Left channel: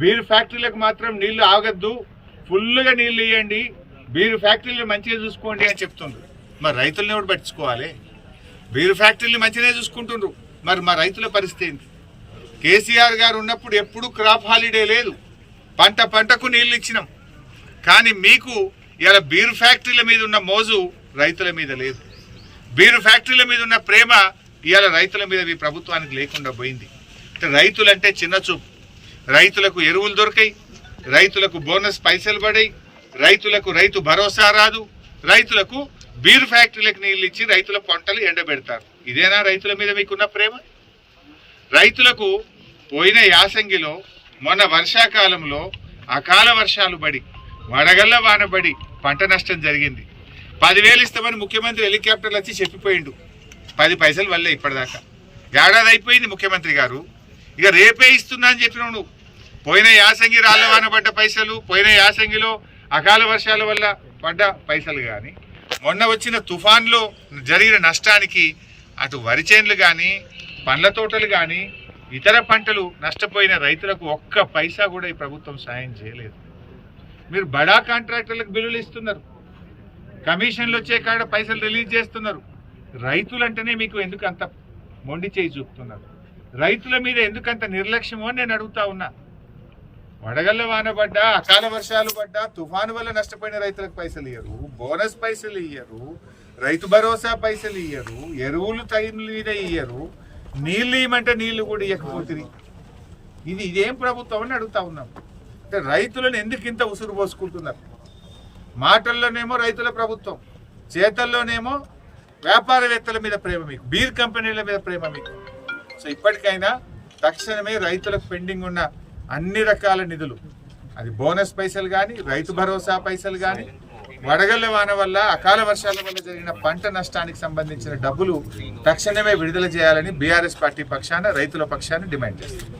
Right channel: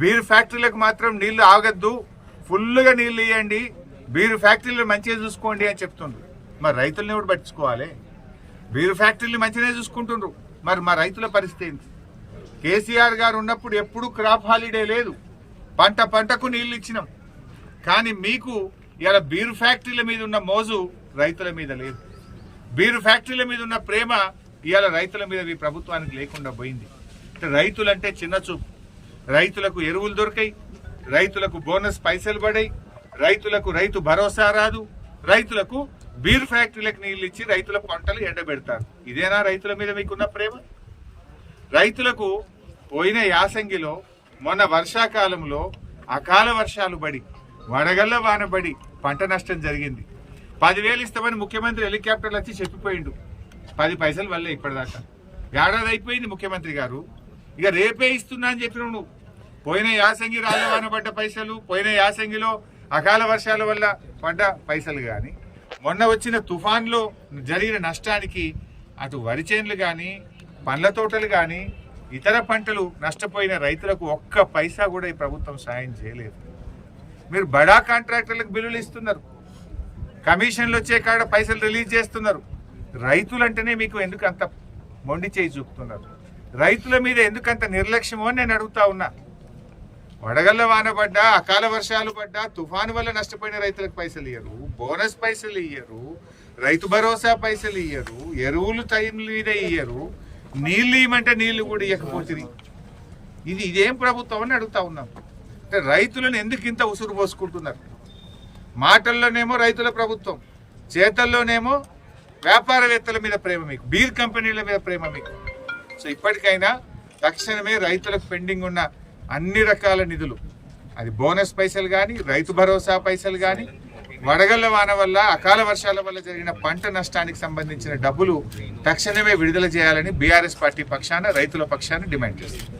Beer ఫ్యాక్టరీలకు మాత్రం నీళ్లు ఆగద్దు, ఫుల్గా నీళ్లు ఇవ్వండి, బీర్ ఫ్యాక్టరీలు మంచిగా చూసుకోండి అని చెప్తుండ్రు. మరి రైతులను ఎవరు పట్టించుకోవాలి? బీర్ ఫ్యాక్టరీలు మంచిగానే చూసుకుంటుండ్రు, మరి మా రైతుల పరిస్థితి ఏంటి? కేసీఆర్ గారు ఉన్నప్పుడు ఎప్పుడు క్రాప్ హాలిడే లేదు, పంటకు నీళ్లు ఇచ్చినాం. కానీ మీకు ఇలా బీర్ ఫ్యాక్టరీల మీద ఉన్న మోజు రైతుల మీద లేదు. బీర్ ఫ్యాక్టరీల మీద ఉన్న ప్రేమ ఇవాళ రైతుల మీద ఈ ప్రభుత్వానికి లేకుండా పోయింది. రైతులంటే చిన్న చూపు. రైతులకు ఎరువులు దొరికాయి, రైతులకు బోనస్ పైసలు పడాయి, రైతులకు రైతు భరోసా రాదు, రైతులకు బీర్ ఫ్యాక్టరీలకు నీళ్ళు ఇచ్చి రైతుల పంటలు ఎండబెడతారు. ఇదేనా రైతుల మీద మీకున్న ప్రేమ? రైతులకు పోయిన యాసంగిలో మొన్న వర్షాకాలంలో అకాల వర్షాలు పడి వడగళ్ళ వానబడి పంట నష్టం జరిగింది. 10,000 ఇస్తామని ముఖ్యమంత్రి హెలికాప్టర్లు వచ్చి చెప్పిపోయిండు. 10 పైసలు వల్లే ఇప్పటిదాకా. ఏడాది అయిపోయింది ముఖ్యమంత్రి గారు, ఇక రేపే ఇస్తున్నా అని చెప్పినావు నువ్వు. పోయిన యాసంగి రాళ్ళ వాన పడ్డ పైసలు, పోయిన యాసంగిలో అకాల వర్షాల వల్ల పడ్డ పైసలు కానీ, మొన్న వచ్చిన తుఫాన్లో జరిగిన నష్టానికి అటు వరి చేనులు కానీ, పండ్ల తోటలు కానీ, ఇతర పంటలు నష్టపోయిన రైతులకు ఒక్క పైసా కూడా ఈ ప్రభుత్వం సాయం చేయలేదు. మీరు బడా కాంట్రాక్టర్లకు బిల్లులు ఇస్తున్నారు, కమిషన్లు వచ్చే కాడ పైసలు రిలీజ్ చేస్తున్నారు. రైతులంటేనే మీకు ఎందుకు అంత మొండి చేయి చూపుతున్నారు? రైతుల మీద ఎందుకంత నిర్లక్ష్యమో అని నేను అడుగుతా ఉన్నా. వడగళ్ళ వాన పడ్డా, అకాల వర్షాలు పడ్డా, తుఫాను వల్ల నష్టపోయిన రైతులకు పైసలు ఇయ్యరు, బోనస్ పైసలు ఇయ్యరు, రైతు భరోసా పైసలు ఇయ్యరు, ఎరువులు టైం మీద ఇయ్యరు, నీళ్ళు ఇవ్వమంటే నీళ్లు కూడా ఇవ్వకపోతుంది. ఇదేం ప్రభుత్వం అని అడుగుతా ఉన్నాం. అంటే రైతులను ఎందుకు ఇంత ఉసురు పోసుకుంటున్నారు? మాటల్లోనేమో రైతుల ప్రభుత్వం, చేతల్లోనేమో వ్యాపారవేత్తల మీద ప్రేమ మీకు, బీర్ కంపెనీల మీద ప్రేమ మీకు. సో ఇప్పటికైనా తక్షణమే రైతులకు పెండింగ్ ఉన్న అన్ని రకాల నిధులు, అది బోనస్ పైసలు కానీ, రైతు భరోసా పైసలు కానీ, వడగళ్ల వాన వల్ల అకాల వర్షాల వల్ల జరిగిన పంట నష్టానికి సంబంధించిన డబ్బులు తక్షణమే విడుదల చేయాలని బీఆర్ఎస్ పార్టీ పక్షాన, రైతుల పక్షాన డిమాండ్ చేస్తుంది.